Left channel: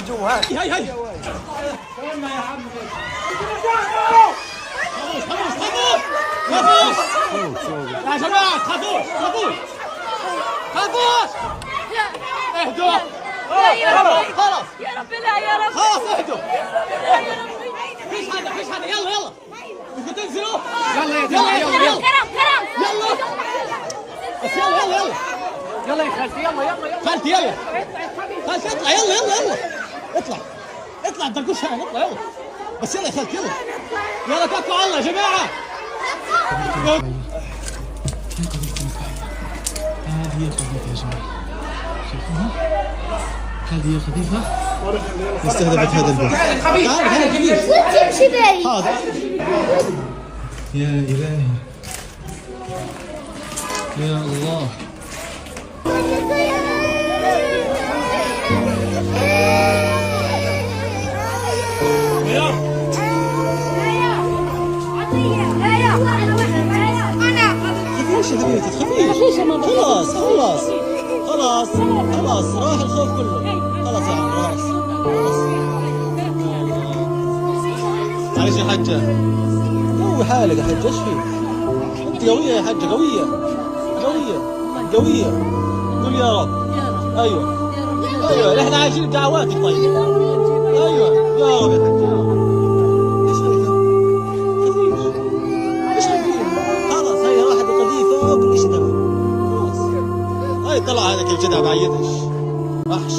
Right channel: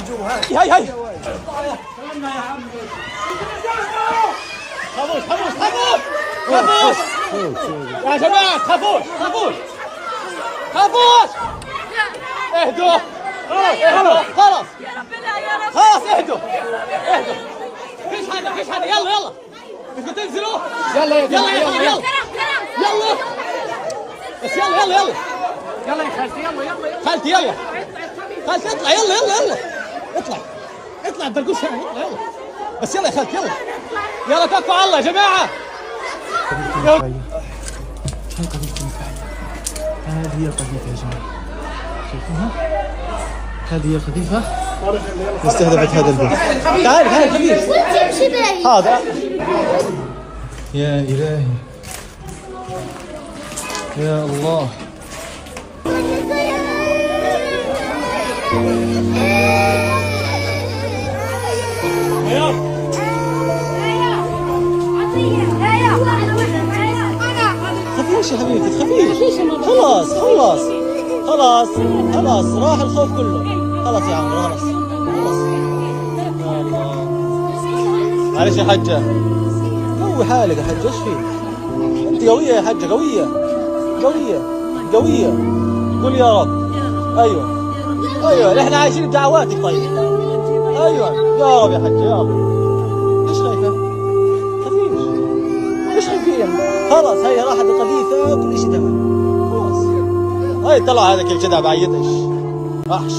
هاي هاي خافوش خافوش خافوش خافوش يا جماعة خافوش خافوش خافوش اهدوا خلاص يا رب لا يا رب خلاص اهدوا فيش حدا يلا يلا بدكم تنزلوا يلا يا جماعة يلا يلا يلا بس يلا يلا يلا يلا يا خالتي يلا يلا يلا خالتي يلا خالتي اطلع يلا يلا يلا اطلع اطلع الدرقوش هنا اطلع يلا بس يلا يا خالتي يلا يلا كفوا على الله يا جماعة هذه هي القذيفة يا جماعة، شايفينها؟ هذه هي القذيفة استهدفت هذا البيت. تعال تعال كبير تمشي بعيد هذا يا إلهي يا الله. تخافيش يا حبيبتي تخافيش خلاص خلاص خلاص خلاص راح الخوف كله خلاص يا عمري خلاص خلاص معلش يا حجة قوي حالك يا حجة ايش فيك؟ انت قوية يا حجة قوية قوية قوية قول يا رب ايوه ايوه احنا عايشين بدعواتك طيب ايوه يا رب يا حجة يا رب ايش خايفة؟ خفيش ايش خايفين؟ خلاص هي راحت القذيفة وكل شيء تمام خلاص هاي طلع هذا كيف كذا بعيد ايش وحش